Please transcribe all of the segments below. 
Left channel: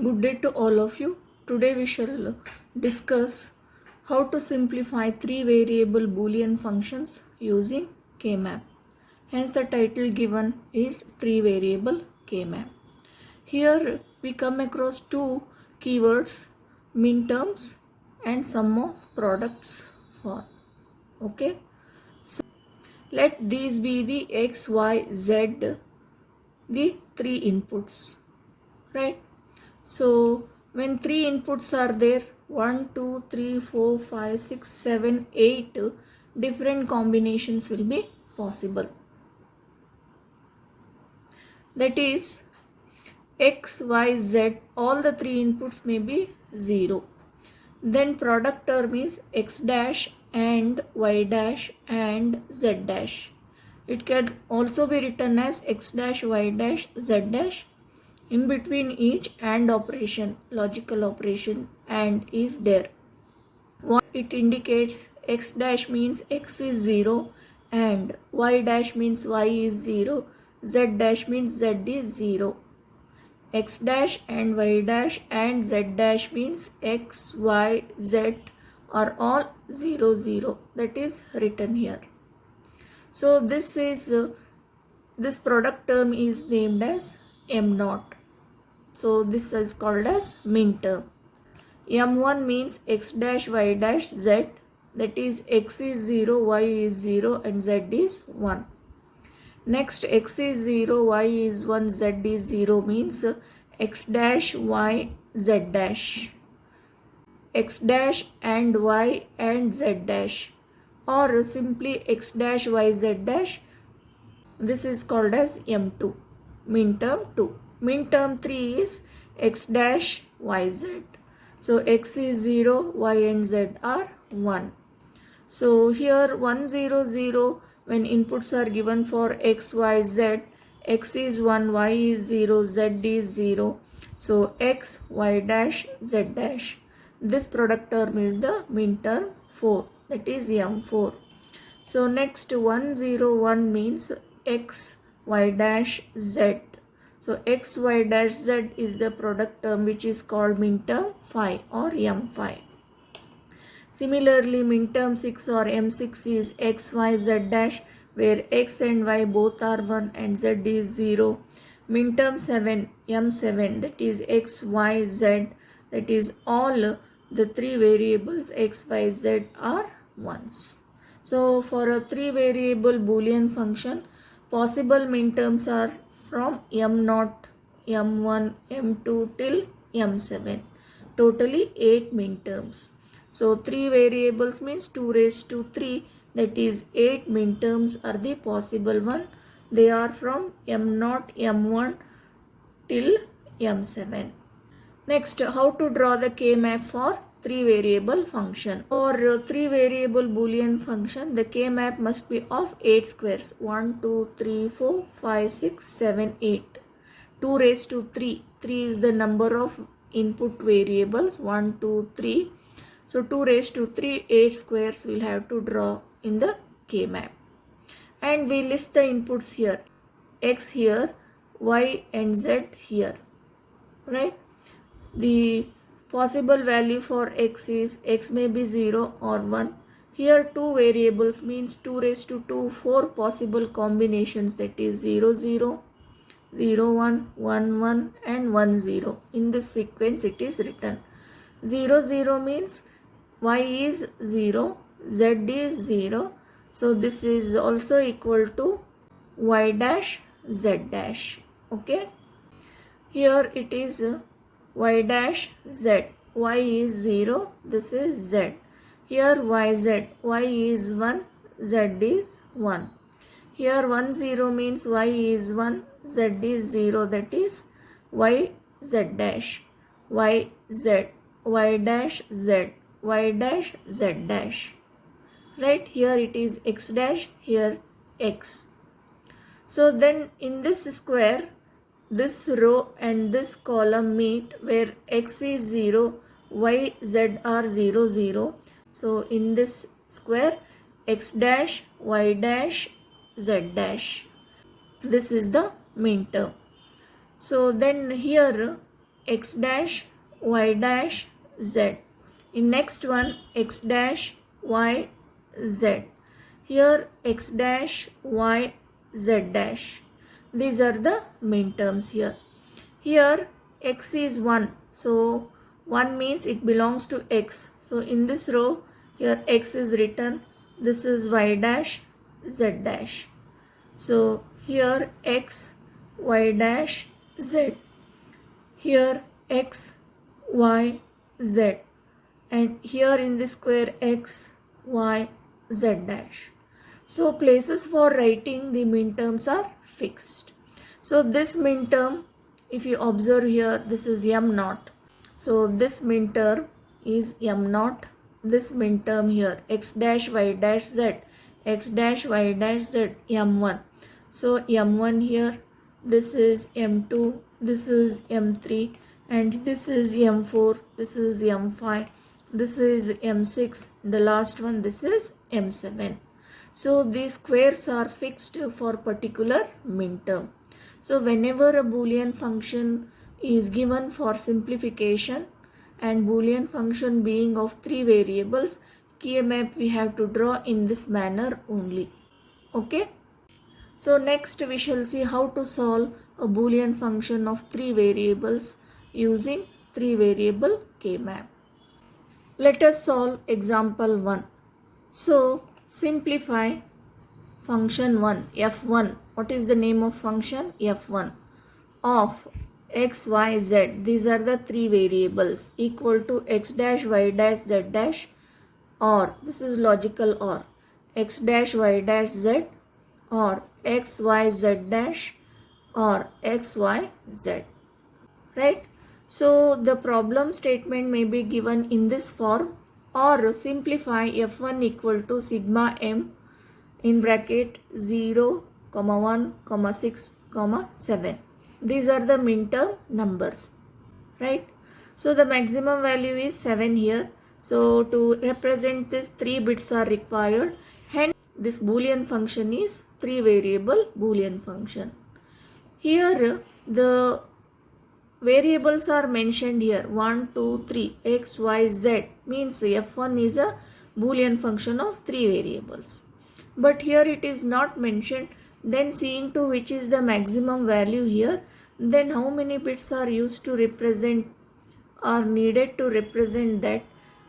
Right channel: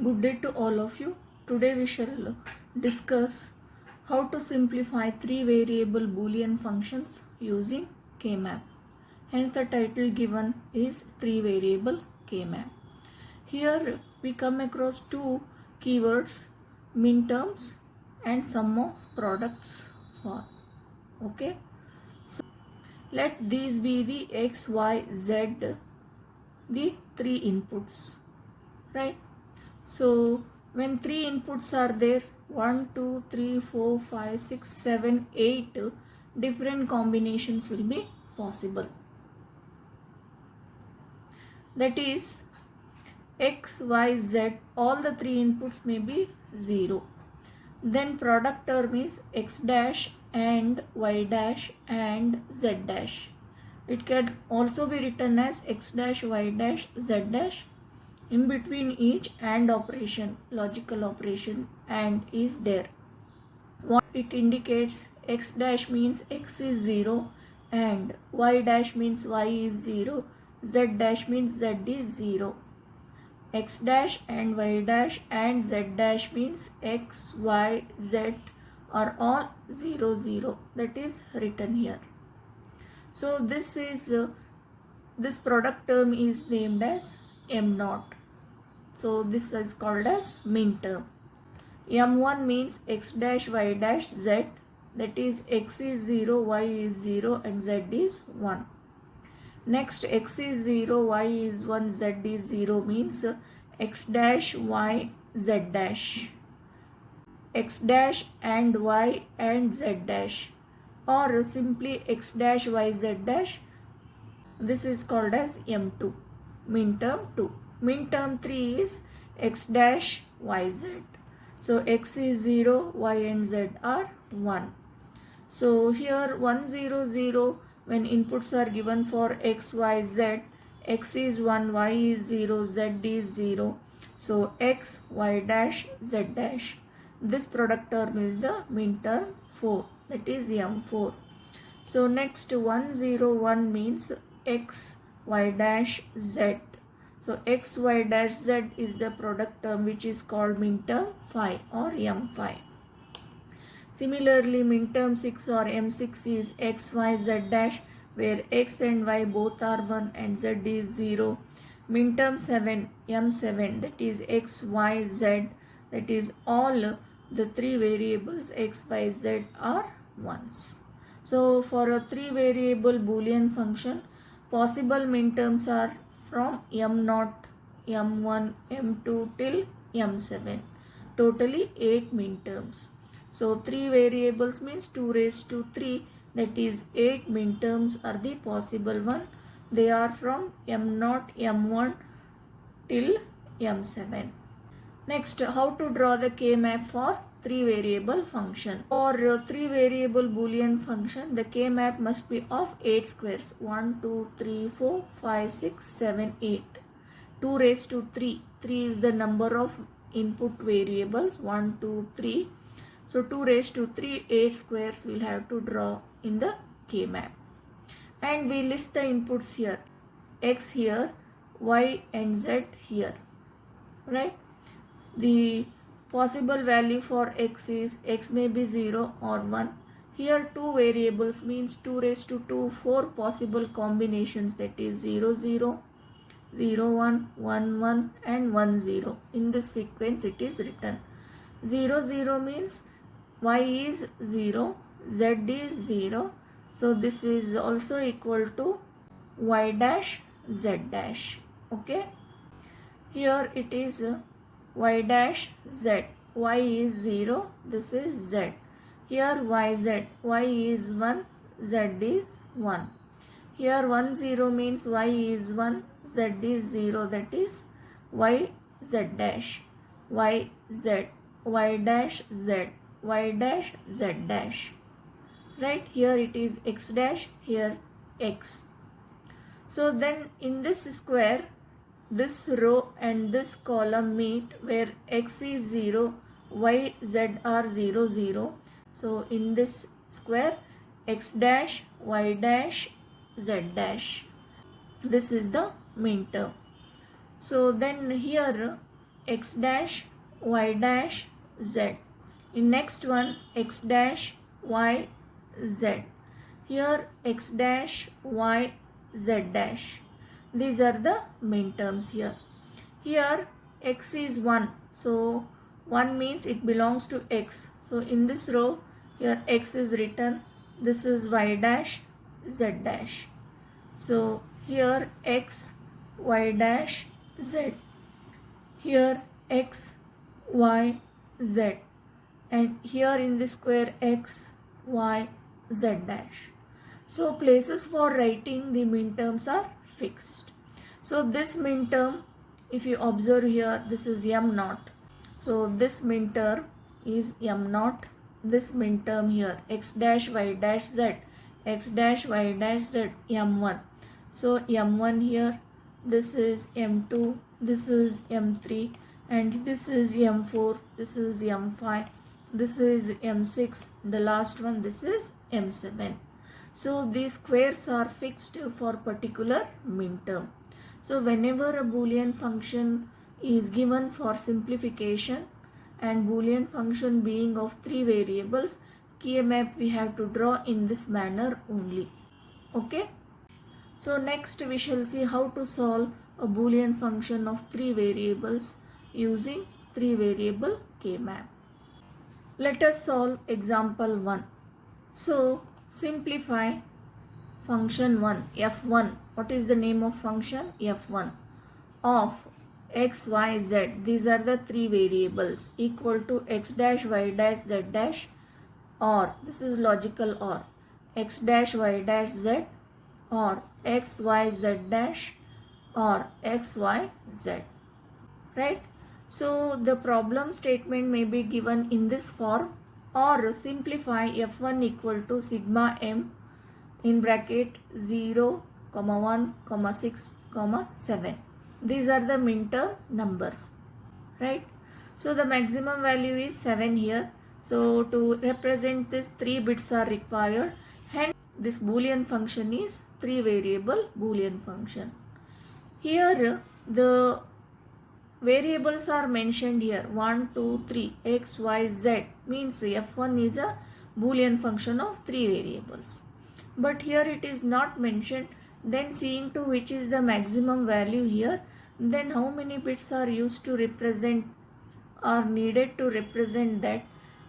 Good day to all of you. Today we shall discuss how to simplify three variable boolean functions using K-map. Hence the title given is three variable K-map. Here we come across two keywords, minterms and sum of products for. Okay. So let these be the x, y, z, the three inputs. Right. So when three inputs are there, 1, 2, 3, 4, 5, 6, 7, 8 different combinations will be possible. That is x, y, z, all the three inputs may be 0. Then product term is x dash and y dash and z dash. It can also be written as x dash, y dash, z dash. In between each AND operation, logical operation AND is there. What it indicates, x dash means x is 0 and y dash means y is 0, z dash means z is 0. X dash and y dash and z dash means x, y, z are all 0, 0. That is written here. So this product term is named as M0. So this is called as minterm. M1 means x dash y dash z, that is x is 0, y is 0 and z is 1. Next x is 0, y is 1, z is 0 means x dash y z dash. X dash and y and z dash, or simply x dash y z dash. This is called as M2, minterm 2. Minterm 3 is x dash yz. So x is 0, y and z are 1. So here 1 0 0, when inputs are given for x, y, z, x is 1, y is 0, z is 0. So x, y dash, z dash. This product term is the minterm 4, that is M4. So next 1 0 1 means x, y dash, z. So x, y dash, z is the product term which is called minterm 5 or M5. Similarly, minterm 6 or M6 is x, y, z dash, where x and y both are 1 and z is 0. Minterm 7, M7, that is x, y, z, that is all the three variables x, y, z are 1s. So for a three variable boolean function, possible minterms are from M0, M1, M2 till M7. Totally 8 minterms. So 3 variables means 2 raised to 3, that is 8 minterms are the possible one. They are from M0, M1 till M7. Next, how to draw the K-map for 3 variable function. For 3 variable boolean function, the K-map must be of 8 squares. 1, 2, 3, 4, 5, 6, 7, 8. 2 raised to 3. 3 is the number of input variables. 1, 2, 3. So 2 raised to 3, 8 squares we'll have to draw in the K-map. And we list the inputs here. X here, Y and Z here. Right? The possible value for x is x may be 0 or 1. Here 2 variables means 2 raised to 2, 4 possible combinations, that is 0 0, 0 1, 1 1 and 1 0. In this sequence it is written. 0 0 means y is 0, z is 0. So this is also equal to y dash, z dash. Okay. Here it is y dash, z. Y is 0, this is z. Here yz, y is 1, z is 1. Here 1 0 means y is 1, z is 0, that is y z dash, y z, y dash z, y dash z dash. Right, here it is x dash, here x. So then in this square, this row and this column meet where x is 0, y, z are 0, 0. So in this square, x dash, y dash, z dash. This is the minterm. So then here x dash y dash z. In next one x dash y z. Here x dash y z dash. These are the minterms here. Here x is 1. So 1 means it belongs to x. So in this row here x is written. This is y dash z dash. So here x y dash z. Here x y z. And here in this square x y z dash. So places for writing the minterms are fixed. So this minterm, if you observe here, this is m naught. So this minterm is m naught. This minterm here x dash y dash z, x dash y dash z, m1. So m1 here, this is m2, this is m3, and this is m4, this is m5, this is m6, the last one, this is m7. So these squares are fixed for particular minterm. So whenever a boolean function is given for simplification and boolean function being of 3 variables, K-map we have to draw in this manner only. Okay. So next we shall see how to solve a boolean function of 3 variables using 3 variable K-map. Let us solve example 1. So simplify function 1, f1. What is the name of function? f1 of x, y, z. These are the 3 variables equal to x dash, y dash, z dash, or this is logical or x dash, y dash, z, or x, y, z dash, or x, y, z. Right? So the problem statement may be given in this form, or simplify f1 equal to sigma m in bracket 0, 1, 6, 7. These are the minterm numbers, right? So the maximum value is 7 here. So to represent this, 3 bits are required. Hence this boolean function is 3 variable boolean function. Here the variables are mentioned here 1, 2, 3, x, y, z, means f1 is a boolean function of 3 variables. But here it is not mentioned. Then seeing to which is the maximum value here, then how many bits are used to represent, are needed to represent that.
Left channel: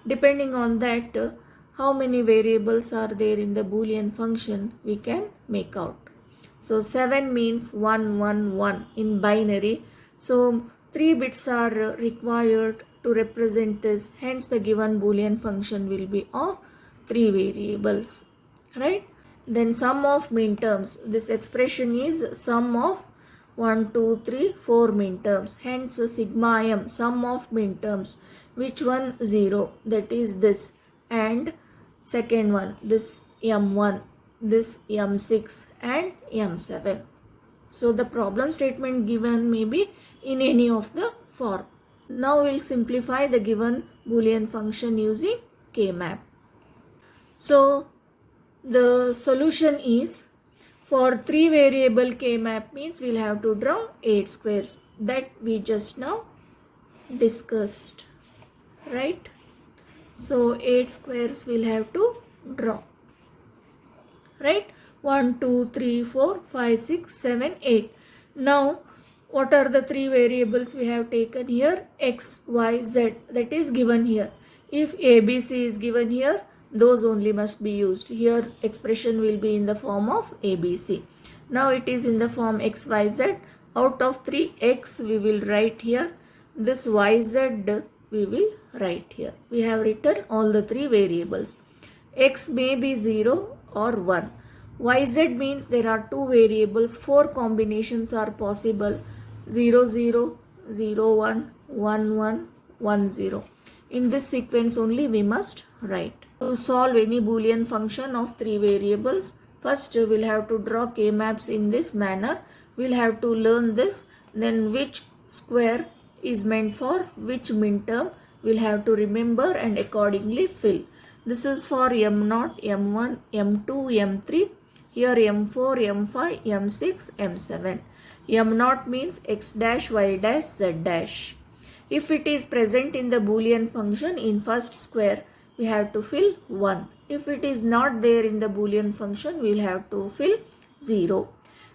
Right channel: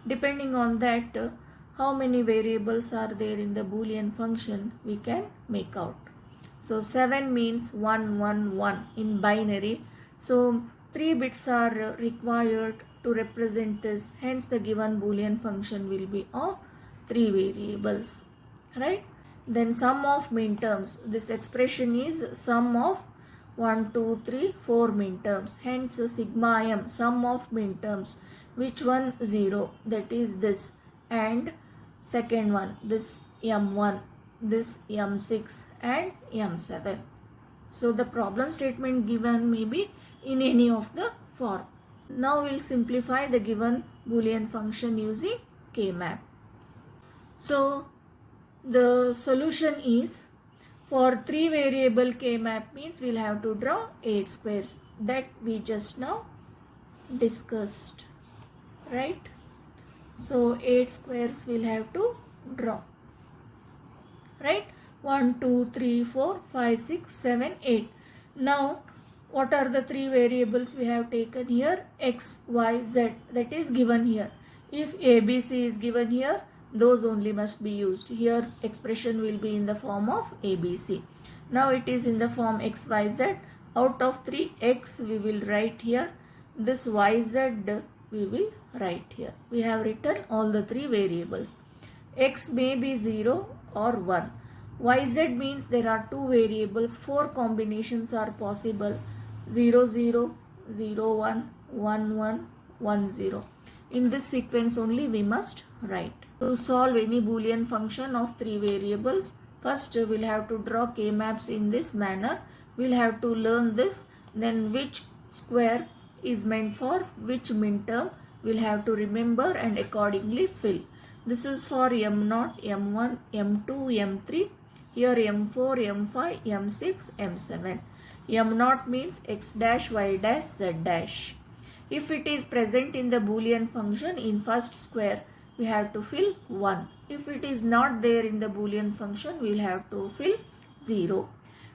Depending on that, how many variables are there in the boolean function, we can make out. So 7 means 1, 1, 1 in binary. So 3 bits are required to represent this. Hence the given boolean function will be of 3 variables, right? Then sum of minterms. This expression is sum of 1, 2, 3, 4 minterms. Hence sigma m, sum of minterms. Which one? 0. That is this. And second one, this m1, this m6 and m7. So the problem statement given may be in any of the form. Now we'll simplify the given boolean function using K-map. So the solution is, for 3 variable K-map means we'll have to draw 8 squares that we just now discussed, right? So 8 squares we'll have to draw, right? 1, 2, 3, 4, 5, 6, 7, 8. Now what are the 3 variables we have taken here? X, y, z, that is given here. If ABC is given here, those only must be used. Here expression will be in the form of ABC. Now it is in the form x, y, z. Out of 3, x we will write here. This y, z we will write here. We have written all the 3 variables. X may be 0 or 1. Y, z means there are 2 variables. 4 combinations are possible. 0, 0, 0, 1, 1, 1, 1, 0. In this sequence only we must write. To solve any boolean function of 3 variables, first we'll have to draw K-maps in this manner. We'll have to learn this. Then which square is meant for which minterm we'll have to remember and accordingly fill. This is for m0, m1, m2, m3. Here m4, m5, m6, m7. m0 means x dash, y dash, z dash. If it is present in the boolean function in first square, we have to fill 1. If it is not there in the boolean function, we will have to fill 0.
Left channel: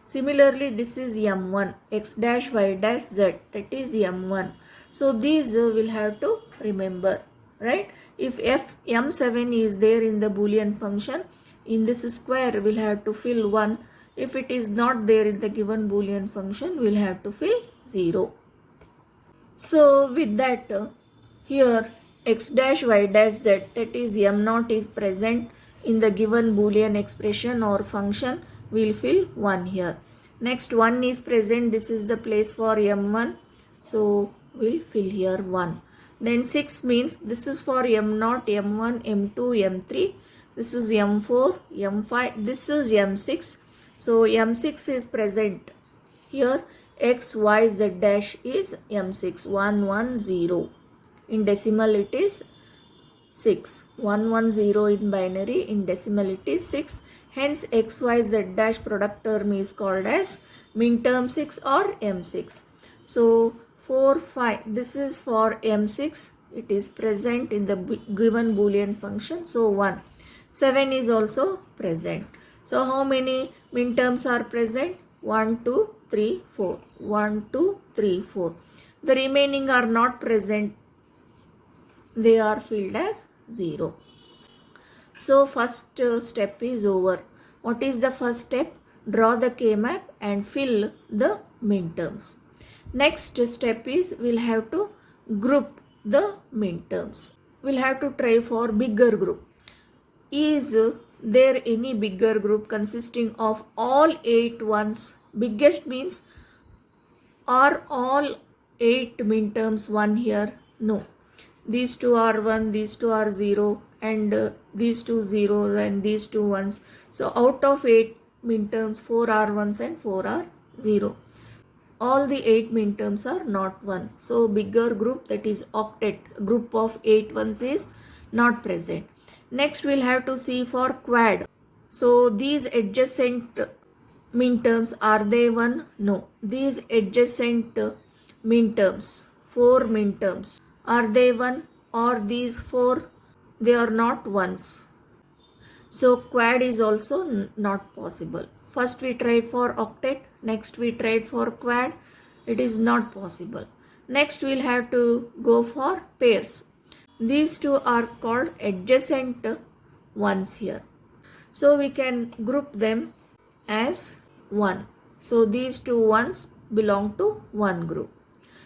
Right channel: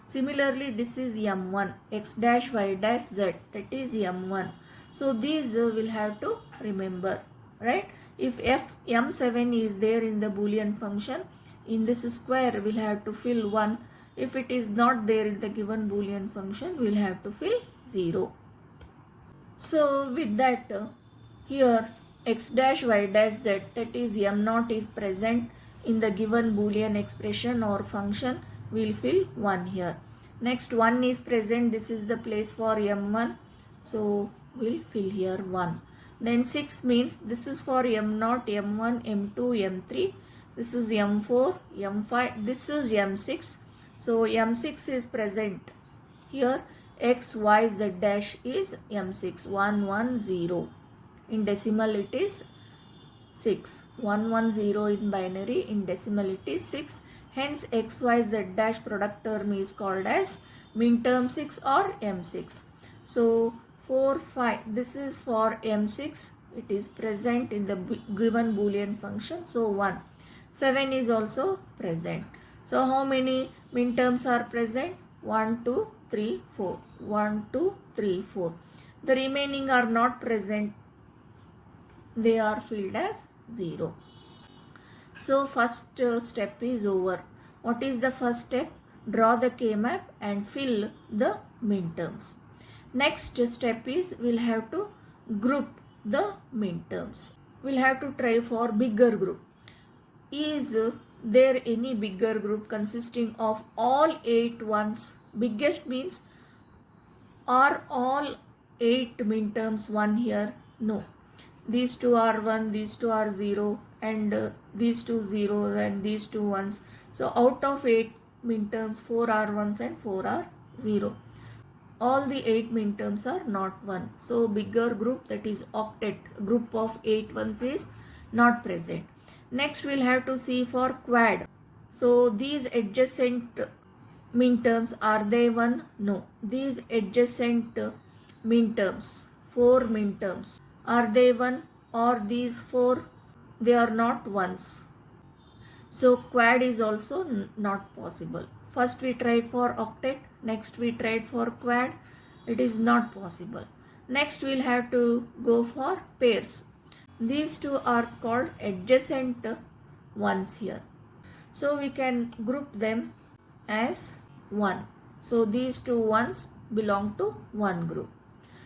Similarly, this is m1, x dash y dash z, that is m1. So these will have to remember, right? If m7 is there in the boolean function, in this square we will have to fill 1. If it is not there in the given boolean function, we will have to fill 0. So with that, here x dash y dash z, that is m0 is present in the given boolean expression or function, we will fill 1 here. Next 1 is present, this is the place for m1, so we will fill here 1. Then 6 means this is for m0, m1, m2, m3, this is m4, m5, this is m6. So m6 is present here. X, Y, Z dash is m6, 1, 1, 0. In decimal it is 6. 1, 1, 0 in binary. In decimal it is 6. Hence X, Y, Z dash product term is called as min term 6 or m6. So 4, 5. This is for m6. It is present in the given boolean function. So 1. 7 is also present. So how many min terms are present? 1, 2, 3, 4. 1, 2, 3, 4. The remaining are not present. They are filled as 0. So first step is over. What is the first step? Draw the K-map and fill the minterms. Next step is we'll have to group the minterms. We'll have to try for bigger group. Is there any bigger group consisting of all 8 ones? Biggest means, are all 8 minterms 1 here? No. These 2 are 1, these 2 are 0, and these 2 zeros and these 2 ones. So out of 8 minterms, 4 are 1s and 4 are 0. All the 8 minterms are not 1. So bigger group, that is octet, group of 8 ones is not present. Next we'll have to see for quad. So these adjacent minterms, are they 1? No. These adjacent minterms, 4 minterms, are they 1? Or these 4, they are not 1s. So quad is also not possible. First we tried for octet, next we tried for quad. It is not possible. Next we'll have to go for pairs. These two are called adjacent ones here. So we can group them as 1. So these 2 ones belong to one group.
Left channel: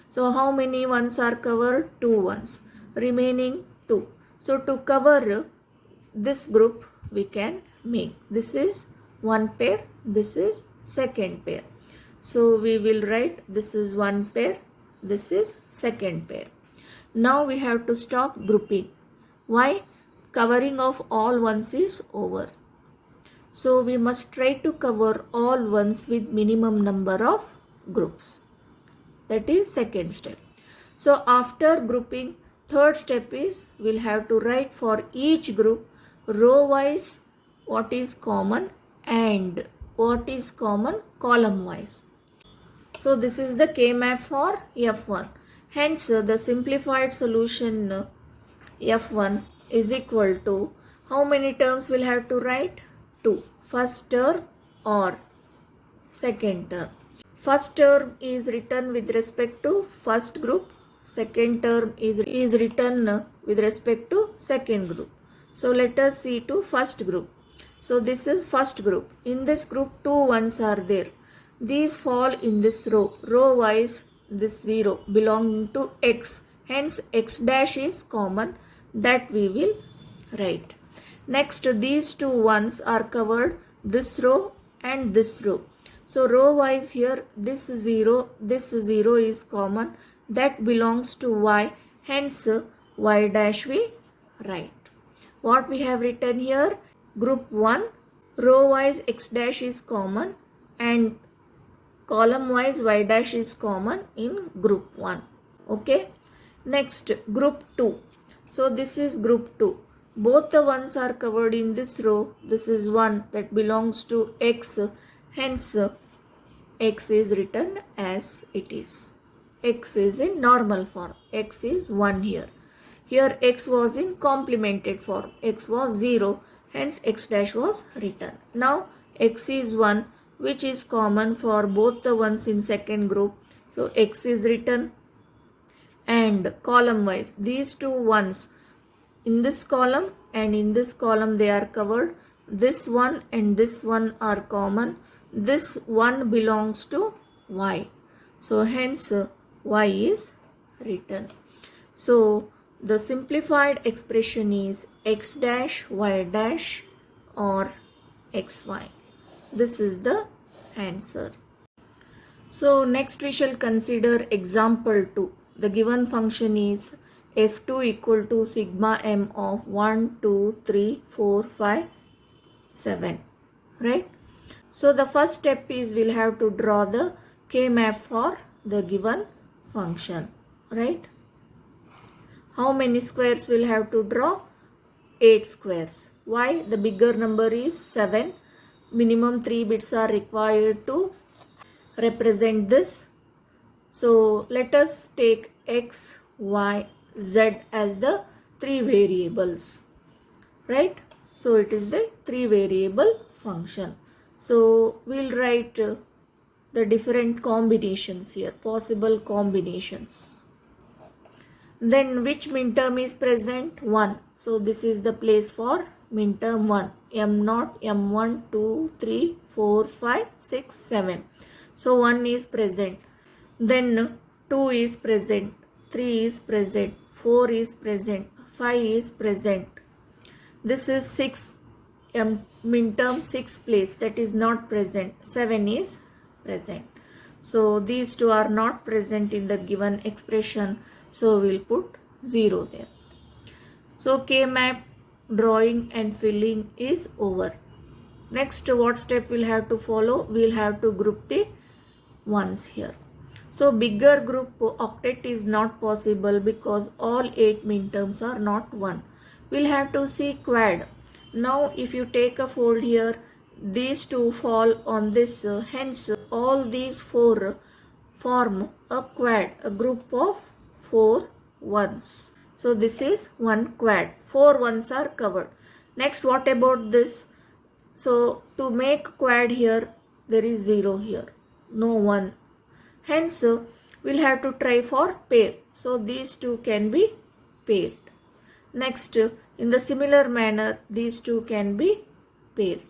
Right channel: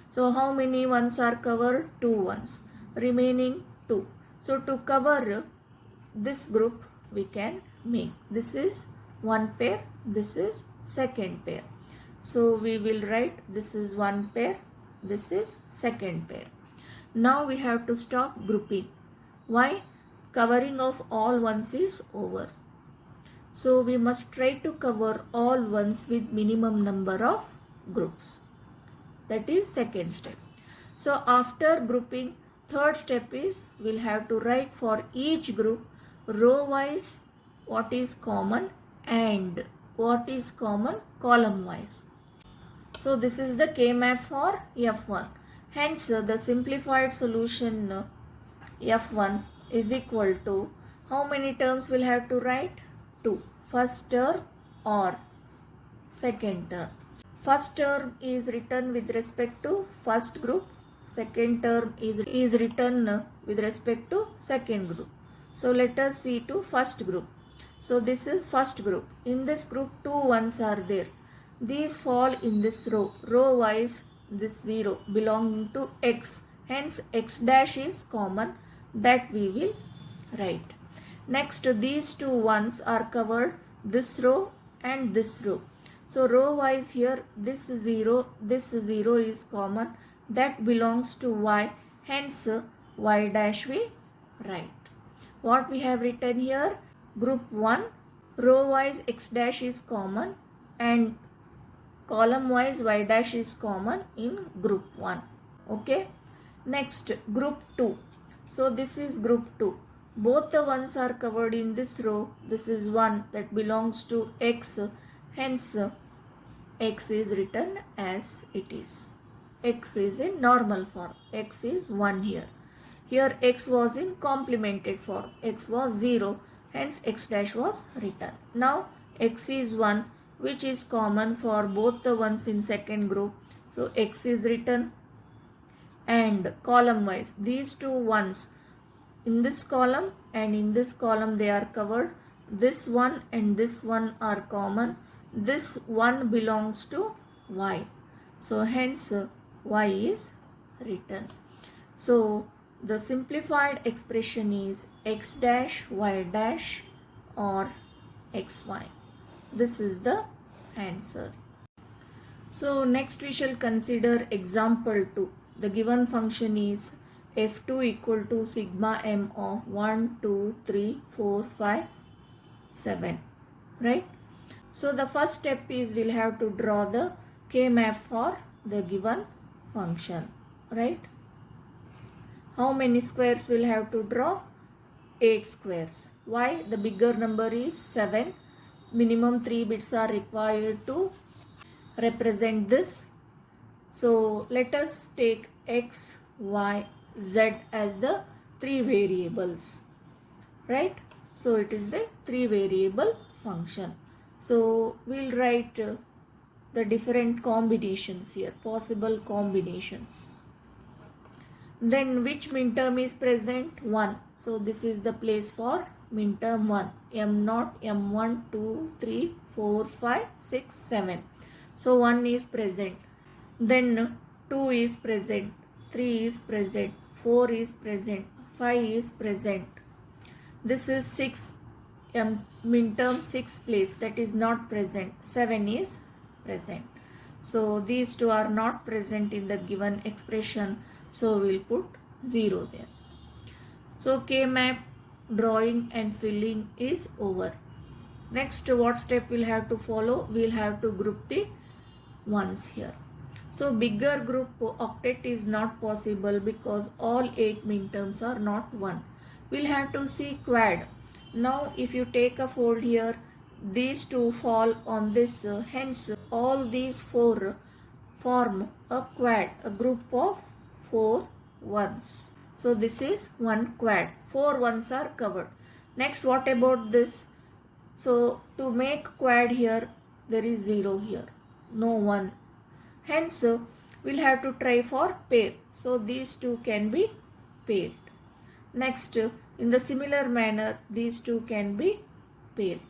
So how many ones are covered? 2 ones. Remaining 2. So to cover this group, we can make. This is one pair, this is second pair. So we will write this is one pair, this is second pair. Now we have to stop grouping. Why? Covering of all ones is over. So we must try to cover all ones with minimum number of groups. That is second step. So after grouping, third step is we'll have to write for each group row wise what is common and what is common column wise. So this is the K-map for F1. Hence the simplified solution F1 is equal to, how many terms we'll have to write? 2. First term or second term. First term is written with respect to first group. Second term is written with respect to second group. So let us see to first group. So this is first group. In this group 2 ones are there. These fall in this row. Row wise this 0 belonging to x. Hence x dash is common, that we will write. Next these 2 ones are covered this row and this row. So row wise here this 0 is common, that belongs to y. Hence y dash we write. What we have written here? Group 1, row wise x dash is common and column wise y dash is common in group 1. Okay. Next group 2. So this is group 2. Both the ones are covered in this row. This is 1 that belongs to x. Hence x is written as it is. x is in normal form. X is 1 here. Here x was in complemented form. X was 0. Hence x dash was written. Now x is 1, which is common for both the ones in second group. So x is written, and column wise these two ones in this column and in this column they are covered. This one and this one are common. This one belongs to y. So hence y is written. So the simplified expression is x dash y dash or xy. This is the answer. So next we shall consider example 2. The given function is f2 equal to sigma m of 1, 2, 3, 4, 5, 7. Right? So the first step is we'll have to draw the K-map for the given function. Right? How many squares we'll have to draw? 8 squares. Why? The bigger number is 7. Minimum 3 bits are required to represent this. So let us take x, y, z as the 3 variables. Right? So it is the 3 variable function. So we'll write the different combinations here, possible combinations. Then which minterm is present? 1. So this is the place for minterm 1. M0, M1, 2, 3, 4, 5, 6, 7. So 1 is present. Then 2 is present. 3 is present. 4 is present. 5 is present. This is 6. Minterm 6 place, that is not present. 7 is present. So these two are not present in the given expression. So we'll put 0 there. So K-map drawing and filling is over. Next, what step we'll have to follow? We'll have to group the ones here. So bigger group octet is not possible because all 8 minterms are not 1. We'll have to see quad. Now if you take a fold here, these two fall on this, hence all these 4 form a quad, a group of 4 ones. So this is one quad. 4 ones are covered. Next, what about this? So to make quad here, there is 0 here, no 1. Hence we'll have to try for pair. So these two can be paired. Next, in the similar manner, these two can be paired.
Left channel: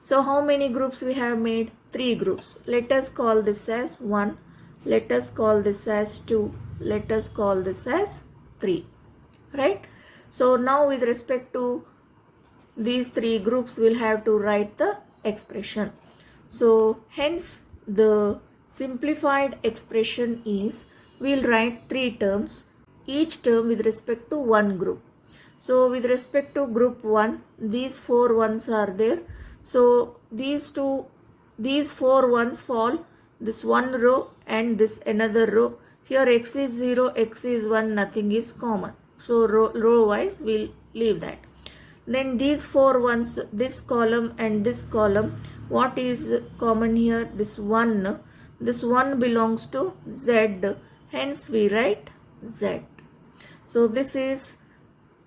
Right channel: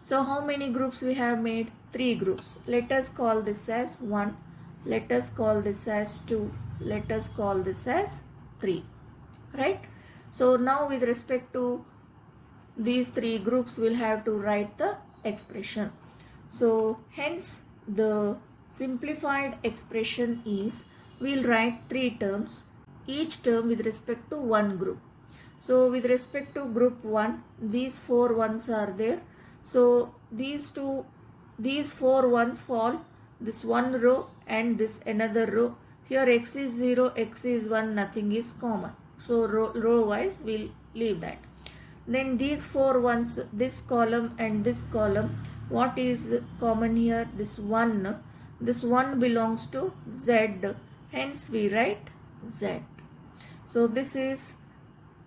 So how many groups we have made? 3 groups. Let us call this as 1. Let us call this as 2. Let us call this as 3. Right? So now with respect to these 3 groups, we'll have to write the expression. So hence the simplified expression is, we'll write 3 terms, each term with respect to one group. So with respect to group 1, these 4 ones are there. So these 4 ones fall this one row and this another row. Here x is 0, x is 1, nothing is common. So row wise we'll leave that. Then these 4 ones, this column and this column, what is common here? This 1. This 1 belongs to z, hence we write z. So this is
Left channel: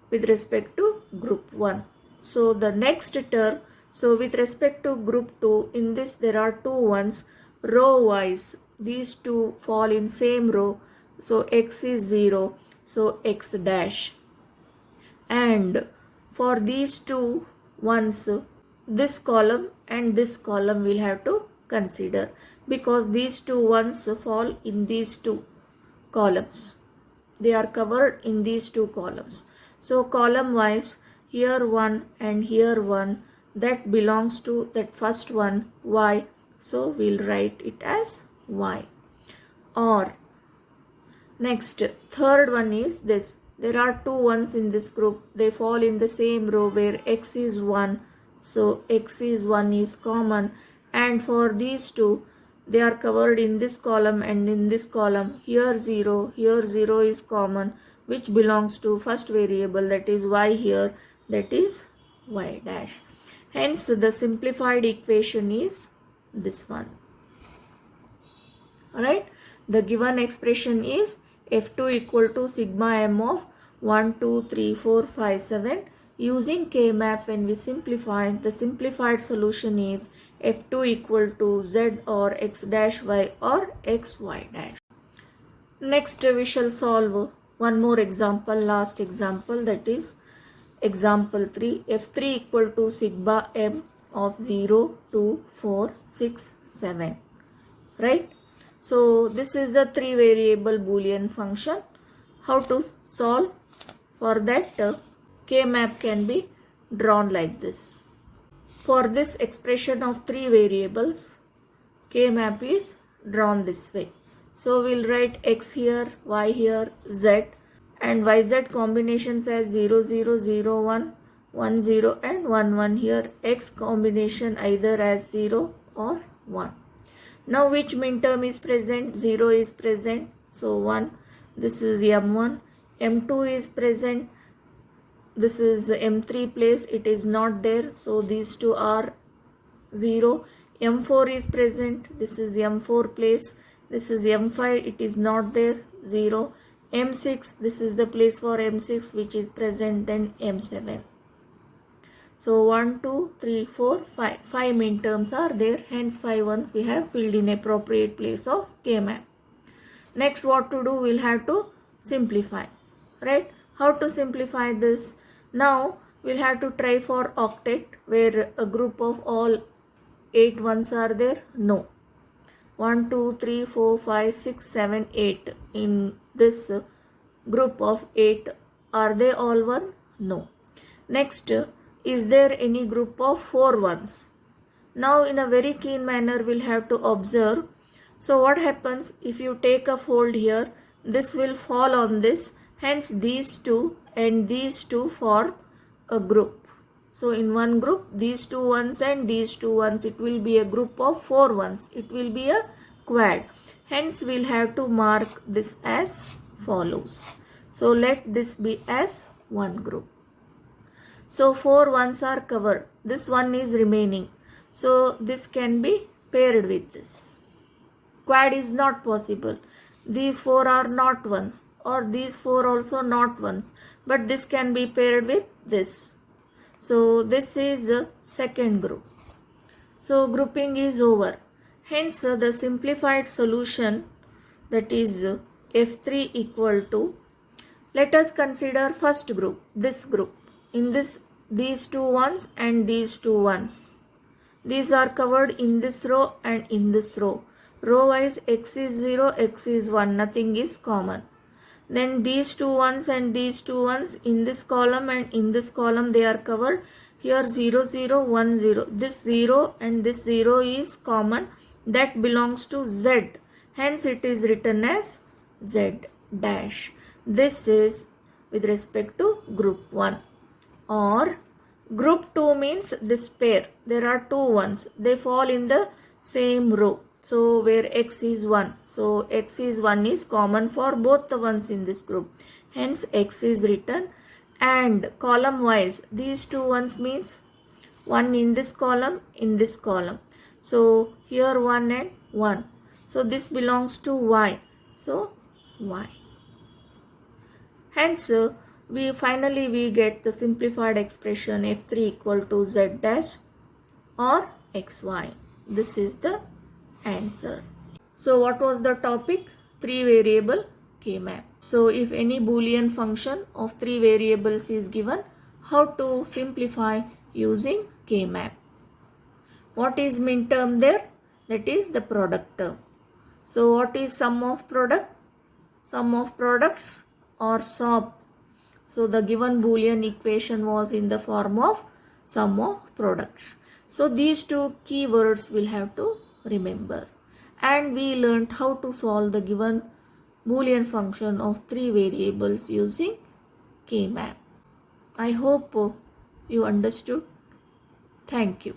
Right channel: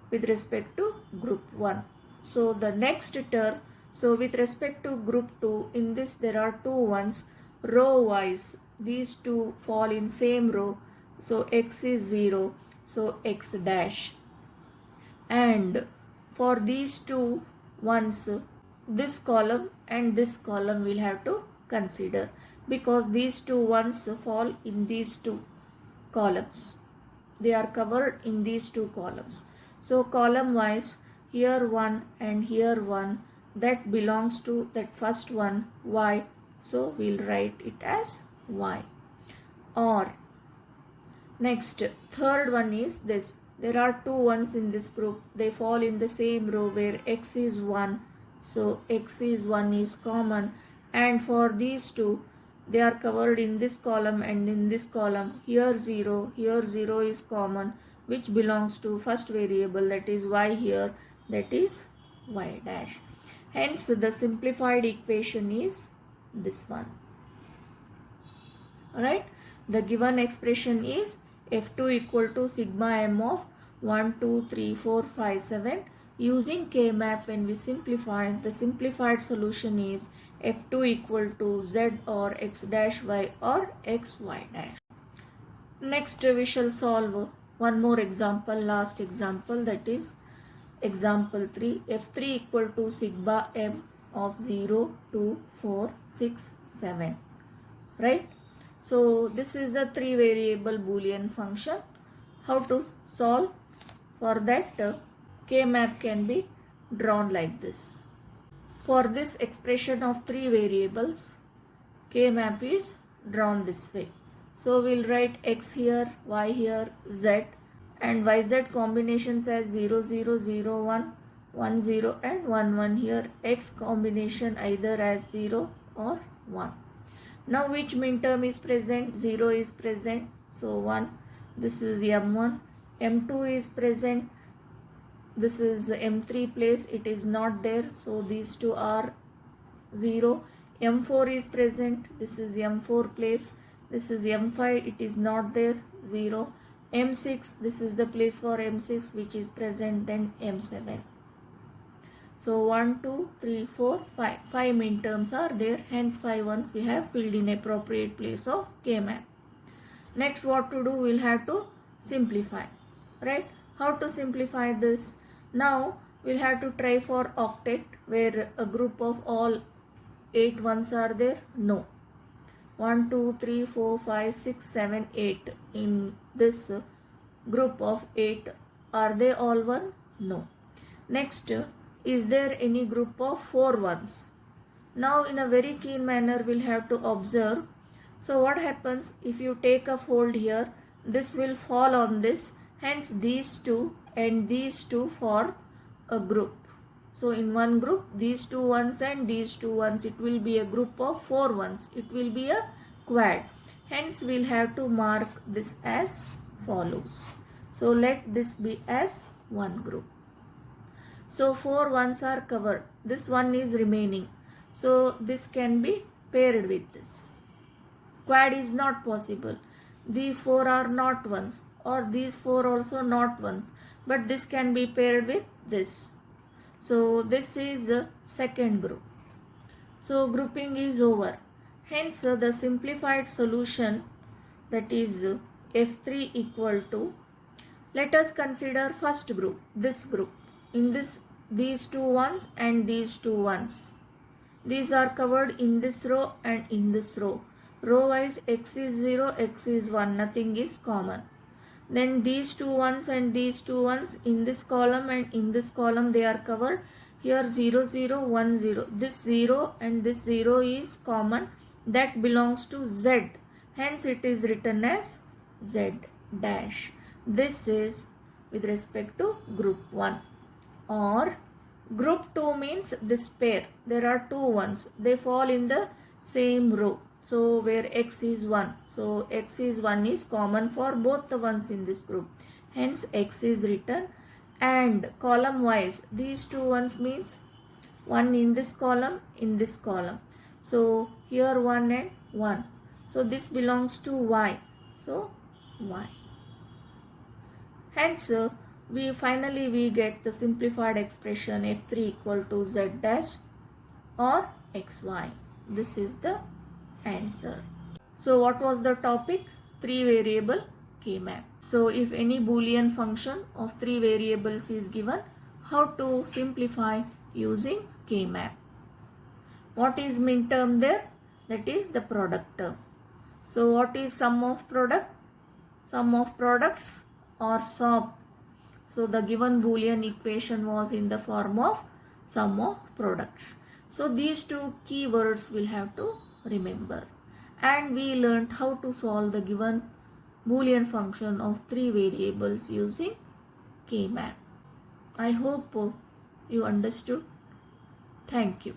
with respect to group 1. So the next term, so with respect to group 2, in this there are 2 ones, row wise these two fall in same row. So x is 0, so x dash. And for these 2 ones, this column and this column we'll have to consider, because these 2 ones fall in these 2 columns. They are covered in these 2 columns. So column wise, here 1 and here 1, that belongs to that first one, y. So we'll write it as y. Or next, third one is this. There are 2 ones in this group. They fall in the same row where x is 1. So x is 1 is common. And for these 2, they are covered in this column and in this column. Here 0 is common, which belongs to first variable, that is y here, that is y dash. Hence the simplified equation is this one. Alright. the given expression is F2 equal to sigma m of 1, 2, 3, 4, 5, 7. Using K-map, when we simplify, the simplified solution is F2 equal to Z or X dash Y or X Y dash. Next we shall solve one more example, last example, that is example 3. F3 equal to sigma m of 0, 2, 4, 6, 7. Right? So this is a 3 variable boolean function. How to solve? For that, K-map can be drawn like this. For this expression of 3 variables, K-map is drawn this way. So we'll write X here, Y here, Z, and YZ combinations as 0, 0, 0, 1, 1, 0 and 1, 1 here. X combination either as 0 or 1. Now which minterm is present? 0 is present. So 1. This is M1. M2 is present. This is M3 place. It is not there. So these two are 0. M4 is present. This is M4 place. This is M5. It is not there. 0. M6. This is the place for M6 which is present. Then M7. So 1, 2, 3, 4, 5. 5 minterms are there. Hence 5 ones we have filled in appropriate place of K-map. Next what to do? We'll have to simplify. Right? How to simplify this? Now we'll have to try for octet where a group of all 8 ones are there. No. 1, 2, 3, 4, 5, 6, 7, 8. In this group of 8, are they all 1? No. Next, is there any group of 4 ones? Now in a very keen manner we'll have to observe. So what happens if you take a fold here? This will fall on this. Hence these two and these two form a group. So in one group, these 2 ones and these 2 ones, it will be a group of 4 ones. It will be a quad. Hence we'll have to mark this as follows. So let this be as one group. So 4 ones are covered. This one is remaining. So this can be paired with this. Quad is not possible. These 4 are not ones, or these 4 also not ones. But this can be paired with this. So this is the second group. So grouping is over. Hence the simplified solution, that is F3 equal to, let us consider first group, this group. In this, these 2 ones and these 2 ones. These are covered in this row and in this row. Row wise X is 0, X is 1, nothing is common. Then these 2 ones and these 2 ones in this column and in this column they are covered. Here 0, 0, 1, 0. This 0 and this 0 is common. That belongs to Z. Hence it is written as Z dash. This is with respect to group 1. Or group 2 means this pair. There are 2 ones. They fall in the same row. So where X is 1. So X is 1 is common for both the ones in this group. Hence X is written. And column wise, these 2 ones means 1 in this column, in this column. So here 1 and 1. So this belongs to Y. So Y. Hence we finally get the simplified expression F3 equal to Z dash or XY. This is the answer. So what was the topic? 3 variable K-map. So if any boolean function of 3 variables is given, how to simplify using K-map? What is minterm there? That is the product term. So what is sum of product? Sum of products or SOP. So the given boolean equation was in the form of sum of products. So these 2 keywords we'll have to remember. And we learned how to solve the given boolean function of 3 variables using K-map. I hope you understood. Thank you.